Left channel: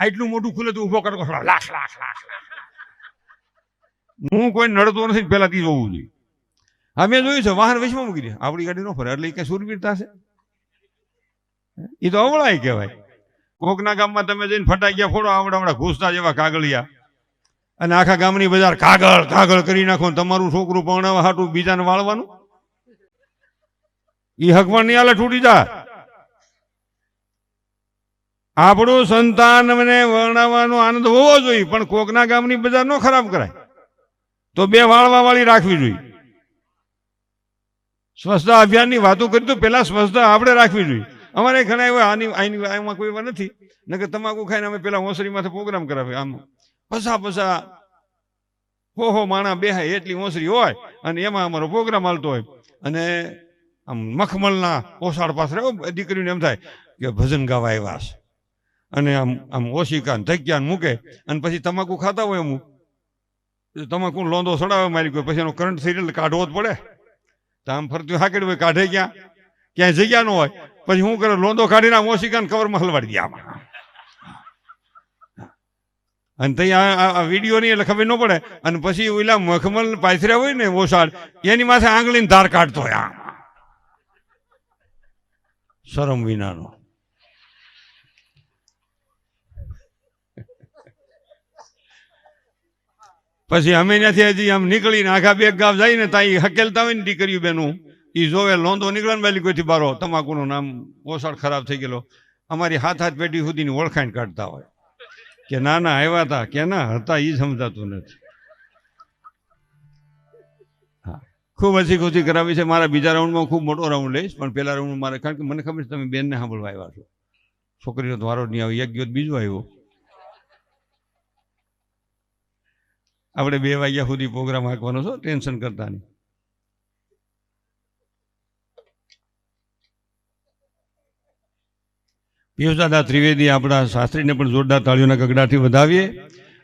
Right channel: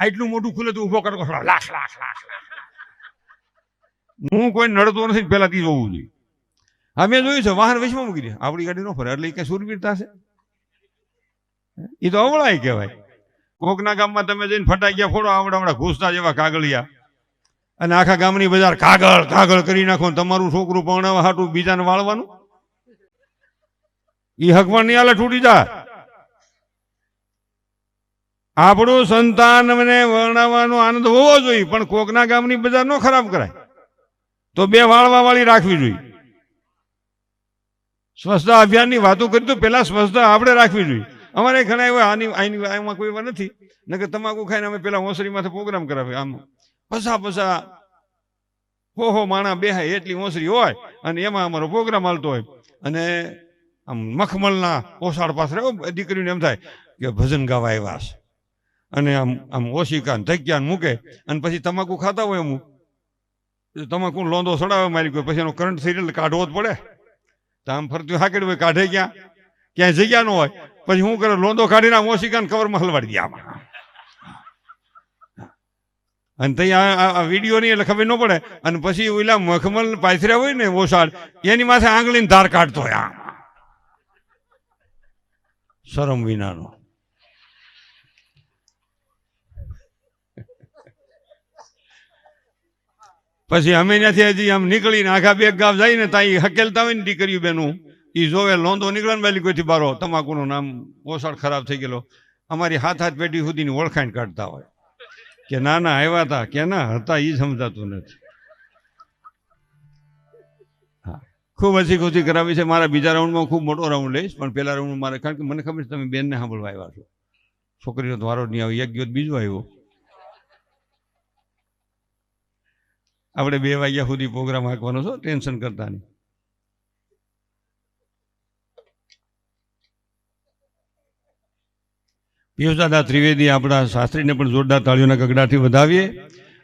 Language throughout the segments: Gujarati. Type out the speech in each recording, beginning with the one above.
આટલું મોટું ખુલે તો ઊભો કરો લાખ લાખ લાખ હું કોઈ નડતો નથી તી જોવું જોઈએ. અમે જોયું છે, વાહન વચમાં મૂકી દે. આપણી ગાડી ન ફરે, એટલે કઈ સુરવીરતા છે? એ તો અવળાય કહેવાય. કોકના ગામમાં તમે જઈને ફટાઈ ગયા, ફોડો આવડા આવડા ઘૂસતા જેવા કાગળિયા. અને આખા ગામની બજાર કાગળ કાગળ કરી નાખો ને તમારું છોકરું પરણાવવા હાટું બીજાને વાળવાનું? એ હકમાં નહીં હાલે છૂટી જાય. આપણું સંતાન મને વર્ણવવાનો આનંદ હોવો જોઈએ, પણ કોકના ગામની બજાર નો ખરાબ કરાય. તો બે વાળવા વાળી રાખવી જોઈએ. સ્વચ્છતા અભિયાનની વાતો કરી તો પહેલાં સ્વચ્છતા આપણે રાખવી જોઈએ. અમારે ઘણા એવા આની આની આમાં કોઈ એવા નથી. નકર તમાકુ ખાઈને અમે પેલા ઓસરીમાંથી પ્રોગ્રામ કરાવે આમ. પસા પસા હો હો, માણા બેહાય એટલી ઓસરી હોય અને એમાં અમારો પ્રોગ્રામ હાલતો હોય. અને આમ મખમલના ઓસાડ પાસે દીકરીને એમ થાય કે ભજન ગાવા આવ્યા છે. અને આમ આમ ઓશિકા ધક્યા મૂકે અને પછી તમાકુ ખાતા હોય તો તમાકુ લોંદો સડાવે મારી કોઈ, પછી એનો કરંટ એટલે કાઢવો જ પડે. તો આમ ફરતું હાકેડ હોય, કાઢે ક્યાં? ક્યાંય જગ્યા ન હોય. પછી શું કરે, લોંદો કાઢીને આમ ઓશિકાને કવરમાં હલવાડી દે આમાં. અને આ- આ વીડિયો નહીં એટલે ખબર ન પડે. અને પછી ઓલા મખમલ પાથર્યા હોય ને ઓસાડ એની માથે આંગળીને ધાર કાઢતો હોય આમ. શરમ વિનાનો. પછી અમે ત્યાંથી હજી આમ નીકળીને આખા બે ગામ જઈને ત્યાં હકેલતા હોય ને દીકરીઓ બેનું એ જોવે લોંધો નીકળે ને વહેલી કોઈથી બારો, તમાકુનું નામ ઓસાડ ખરાબ થઈ ગયેલો. અમારી હાથ હાથ પેટી સુધીની ઓળખાણ કાઢતા હોય. કે ના ના, આવ્યા હતા કે ના, હતા એ સમજાતું નથી. ખૂબ હસી ખુશી કરાવી છે. મારા બીજા રાઉન્ડમાં ખૂબ મોટો રાઉન્ડ લઈશ, પણ પહેલા રાઉન્ડમાં મારે, કારણ કે મને ખબર છે તમે બેનને સાંભળવા આવ્યા છો. છોકરીનો દ્વારો નહીં આવ્યો એક ગયો બીજો આવ્યો. આપણે બે વાગ્યા સુધી પ્રોગ્રામ હાંકવાનો છો, ટેન્શન કરતા નહીં. પિયુષદાદા ત્રિવેદી આપણા શાસ્ત્રીને પણ જોરદાર તાળીઓના ગગડાથી વધાવીએ.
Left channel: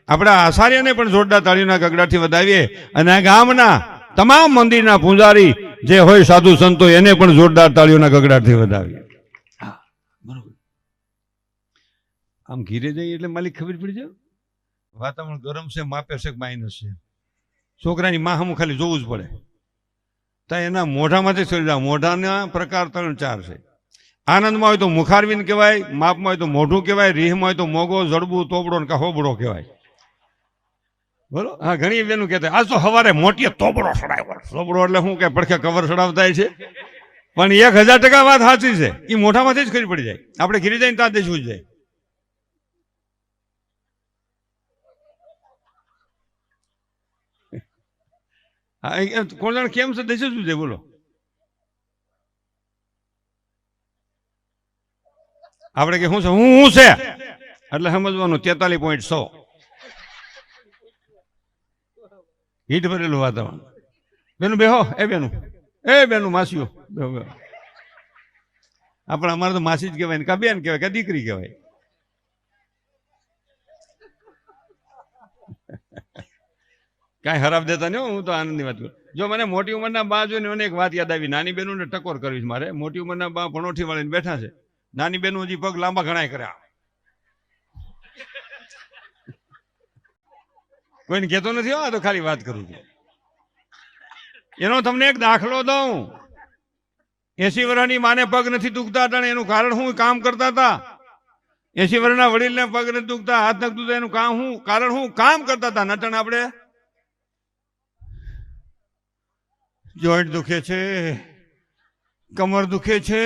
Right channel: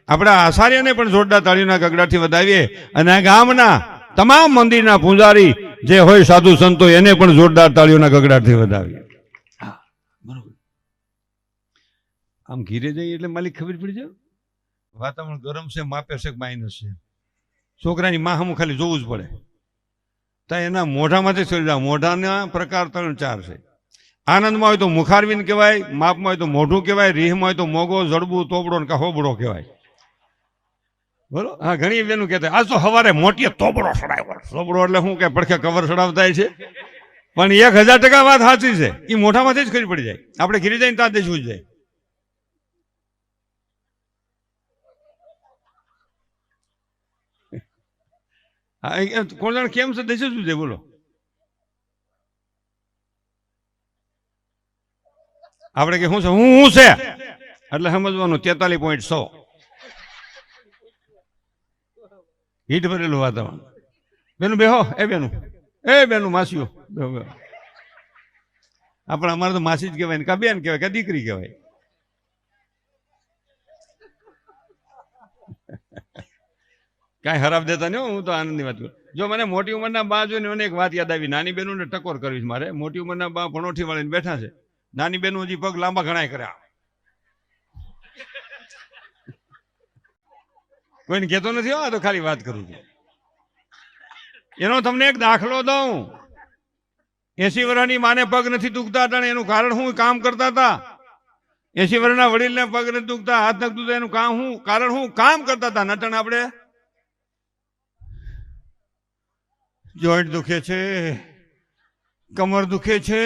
આપણા આચાર્યને પણ જોરદાર તાળીઓના ગગડાથી વધાવીએ. અને આ ગામના તમામ મંદિરના પૂજારી જે હોય સાધુ સંતો, એને પણ જોરદાર તાળીઓના ગગડાથી વધાવીએ. આમ ઘીરે જઈએ એટલે માલિક ખબર પડી જાય? વાતાવરણ ગરમ છે, માપે છે માઇનસ છે? છોકરાની માં હમું ખાલી જોવું જ પડે. તો એના મોઢામાંથી શરીર મોઢાના પ્રકાર ત્રણ ચાર છે. આનંદમાં હોય તો મુખારવીન કહેવાય, માપમાં હોય તો મોઢું કહેવાય, રીહમાં હોય તો મોગો, જડબું, તોબડો ને હોબડો કહેવાય. બોલો? હા, ઘણી બેનું કહેતા આજ તો સવારે મોટી તોબડો સડાવ્યો તોબડો એટલે શું કે, પડખે કવર સડાવતા છે? પણ એક હજાર ટકા વાત સાચી છે. એ મોઢામાંથી જ ખરી પડી જાય. આપણે ઘીરી જઈને ત્યાં દેશું જ જાય હા એ- એ કોણ કેમ છે? દેશે શું છે? બોલો. આપણે કે શું છે? હું હું છે? એટલે સમજવાનું, તેતાલીસ પોઈન્ટ સો. હીટ ભરેલું વાતાવરણ. બેનું બેહો, એ બેનું. એ બેનું, માસીઓ. આપણે અમારે તો માસી જ કહેવાય ને, કા બેન કહેવાય, કા દીકરી કહેવાય. કાંઈ ખરાબ દેતા નહીં હું તો આનંદની વાત કરું. જો મને મોટી ઉંમરના બા જોઈને મને એક વાત યાદ આવી. નાની બહેનોને ટકોર કરવી મારે. મોટી ઉંમરના બા ભણોઠી વાળીને બેઠા છે. નાની બહેનો હજી પગ લાંબા ઘણાય કર્યા. કોઈને કહેતો નથી આ તો ખાલી વાત કરું છું. એનો તમને એક દાખલો દઉં. એસી વર્ષની માને પગ નથી દુખતા હતા એનું કારણ હું કામ કરતા હતા. એસી વર્ષના વડીલને પગ નથી દુખતા, હાથ નથી દુખતા, એનું કામ હું કારણ હું કામ કરતા હતા. નટણ આપણે જોઈન્ટ દુખે છે કમર દુખે છે,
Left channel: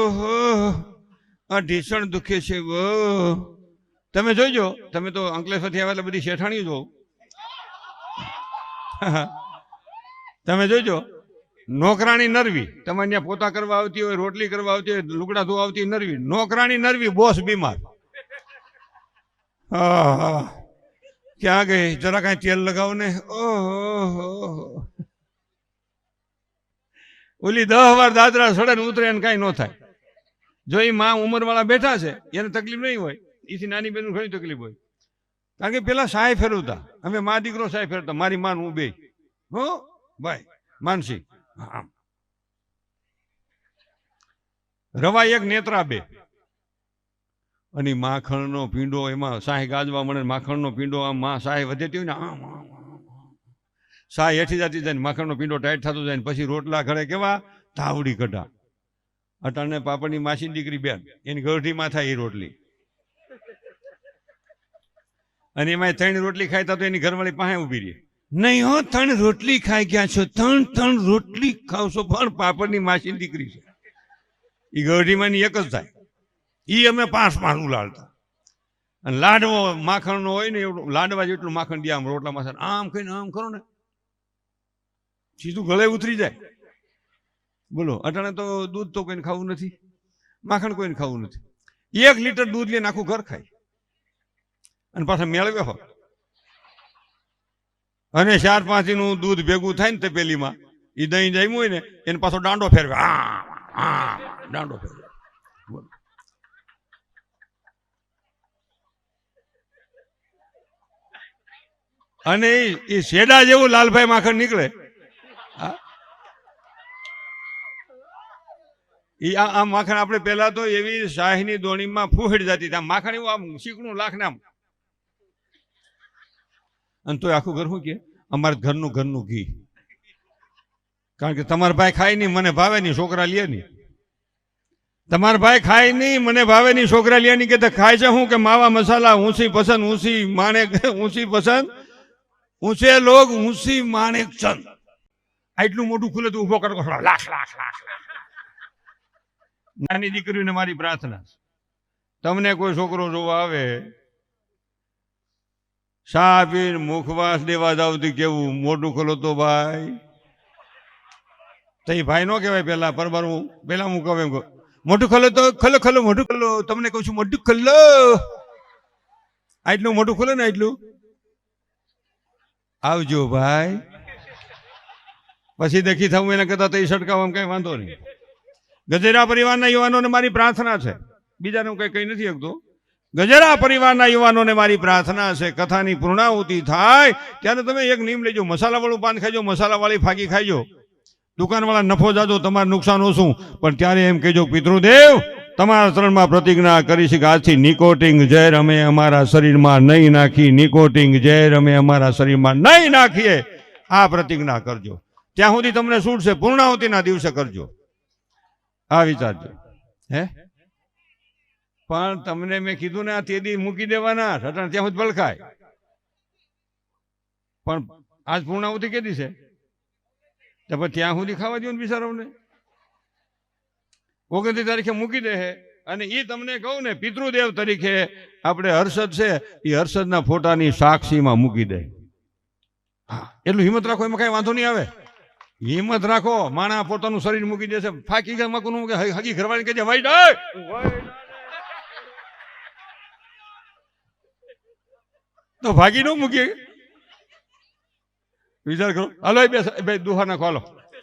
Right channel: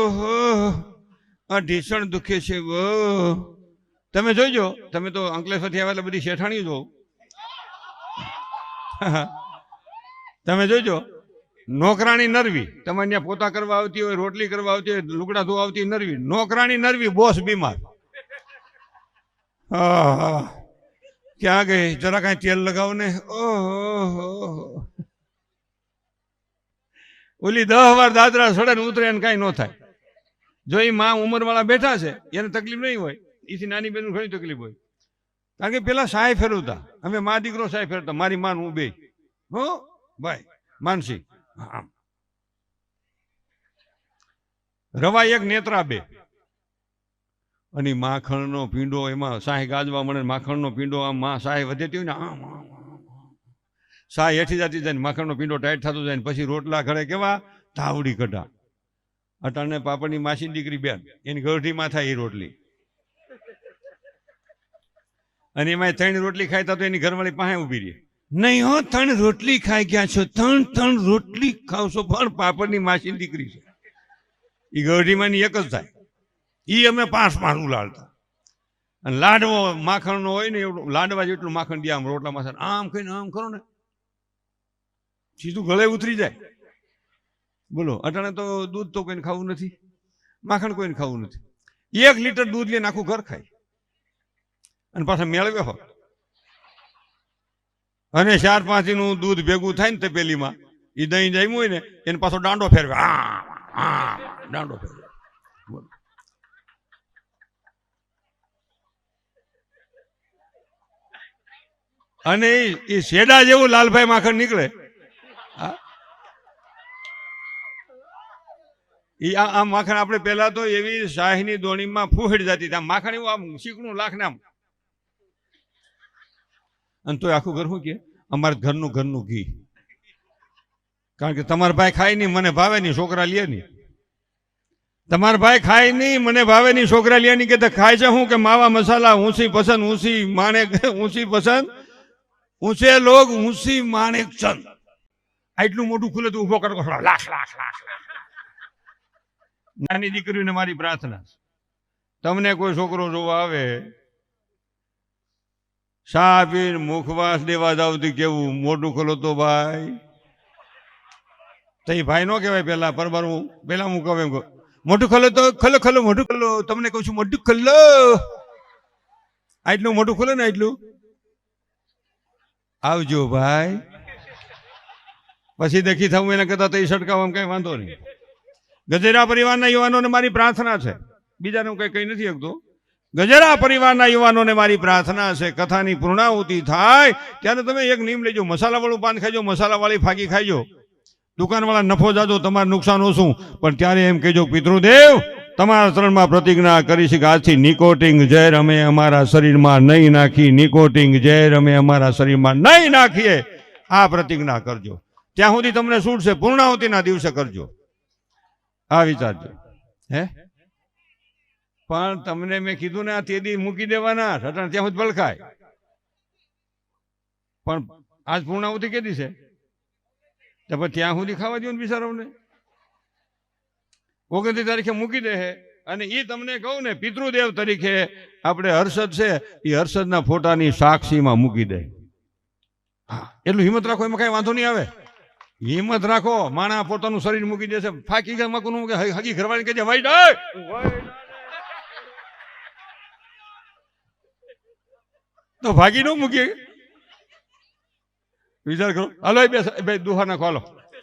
ઓહો, આ ઢીસણ દુખે છે વો તમે જોઈજો તમે તો અંકલેશ્વરથી આવેલા બધી શેઠાણી જો તમે જોઈજો નોકરાણી નરવી તમારે ત્યાં પોતા કરવા આવતી હોય, રોટલી કરવા આવતી હોય, લુગડા ધોવા આવતી નરવી. નોકરાણી નરવી, બોસ બીમાર. ક્યાં ગઈ? જરા કાંઈ તેલ લગાવો ને ઓહો. ઓલી દહ વાર દાદરા સડે ને ઉતરે ને કઈ ન થાય. જો એ માં ઉંમર વાળા બેઠા છે એને તકલીફ નહીં હોય. એથી નાની બેન ઘણી તકલીફ હોય. કારણ કે પેલા સાય ફેરવતા. અમે મા દીકરો સાય ફેરવતા. મારી માન હું બે. હો? ભાઈ માનસી. હા. રવા એક નેત્રા બે. અને માખણ માખણનો પીંડો એમાં સાય ગાજવા મળે માખણ માખણનો પીંડો આમ માં સાય વધેતી હોય ને આમ આમ, આમ, આમ. સાય હેઠી જતી જાય માખણનો પીંડો ટાઈટ થતો જાય પછી રોટલા ઘરે કેવા? ધાવડી કઢા અટાણે પાપડની માસી દીકરી બેન, એની ગરઢીમાં થાય એ રોટલી. અને એમાં ત્રણ રોટલી ખાય તો એની ઘરવાળી પાસે ઊભી રહી. નહીં હો, ત્રણ રોટલી ખાઈ ગયા છો. ત્રણ ત્રણ રોટલી ખાવ છો. પણ પાપડની માસી દીકરી છે. એ ગઢીમાંની એક જ થાય. એ અમે પાંચ પાંચ ઉલાડતા અને લાડવો માખણનો હોય ને એવું, લાડવા જેટલું માખણ દે આમ રોટલામાં સર આમ કહીને આમ કરો ને. સીધું ગળે ઉતરી જાય. બોલો, અટાણે તો દૂધ તો કોઈને ખાવું નથી, માખણ કોઈને ખાવું નથી. એક લીટર દૂધ લઈને આખું ઘર ખાય. અને પાછા મેળવે હો અને ચાર પાંચનું દૂધ ભેગું થાય ને પેલીમાં એ દહીં જામ્યું હોય ને, એને પાછો દાંડો ફેરવે. દાંડો ફેરવે. અને એ શેડા જેવું લાલભાઈ માખણ નીકળે ઈ આ માખણ આપણે પહેલા તો એવી શાહીની દોણીમાં ફૂહડી જતી હતી. માખણ એવું આમ શીકણું લાખ અને તો આખું ઘર શું કે? અમારે ઘરનું ઘરનું ઘી. કારણ કે તમારા ભાઈ ખાય નહીં, મને ભાવે નહીં, છોકરા લે નહીં. તમારા ભાઈ ખાય નહીં, મને ભાવે નહીં, છોકરા લે નહીં કે ખાય છે હું કે માવા મસાલા, ઊંસી પસંદ ઊંચી માણેક ઊંચી પસંદ. ઊંચે લોગ, ઊંસી માણેક ચંદ. આટલું મોટું ખુલે તો ઊભો કરો. લાખ લાખ લાખ લાખ. નાની દીકરીને મારી પ્રાર્થના. તમને કોઈ છોકરો જોવા આવે શા પીને મુખવાસ દેવા જાવતી કેવું? મોટું ખોલો તો ભાઈ. તો એ ભાઈ નો કહેવાય પેલા, પરમાર હું, પેલા હું કહું એમ કહું. ખોલો તો, ખલો ખલો મોટું ખોલો. તમને કહું છું મોટું ખોલો. આટલું મોટું ખોલો ને આટલું આવજો ભાઈ. પછી દેખી થવું એના કરતા તો એ સટકાવવામાં કઈ વાંધો નહીં. ગજેરા પરિવારના યુવાનોને મારી પ્રાર્થના છે. બીજાને હું કઈ કહી નથી શકતો. ગજેરા પરિવારના યુવાનોને મારી પ્રાર્થના છે. કથાની પૂર્ણાહુતિ થાય ત્યારે તમે એક નિયમ લેજો. મસાલાવાળું પાન ખાજો મસાલાવાળી ફાકી ખાજો દુકાનવાળા નફો જાજો, તમારે નુકસાન ઓછું. પણ ત્યારે એમ કહેજો, પિતૃદેવ, તમારા શરણમાં પ્રતિજ્ઞા કરી છે કે આજથી નિકોટિંગ ઝેર અમે અમારા શરીરમાં નહીં નાખી. નિકોટિંગ ઝેર અમે અમારા શરીરમાં નહીં નાખીએ. આ પ્રતિજ્ઞા કરજો. ત્યાં સુધી તમને શું છે પૂર્ણાહુતિના દિવસે કરજો. આ વિચારજો હે? પણ તમને મેં કીધું ને આ તેદી મૂકી દેવાના રટણ ત્યાં સુધી ભલખાય. પણ આજ પૂર્ણાવતી કેદી છે? તો પછી ત્યાં સુધી ખાવા દો ને બિચારાઓને. ઓગણત્રીસ તારીખે મૂકી દે અને એ તમને કહું ને, પિતૃદેવ તરીકે આપણે હર્ષદ છે એ હર્ષદના ફોટાની સાક્ષીમાં મૂકી દે. હા, એટલું હિંમત રાખો, એમાં કઈ વાંધો નહીં આવે. હિંમત રાખો. માણા પોતાનું શરીર મૂકી દેશે. ફાકી ગયા મકનું કે હગી ઘરવાળી કે ભાઈ ડાય તો ભાગી ન મૂકીએ. વિચાર કરો. હલો બેસ બે દુહા નાખો હાલો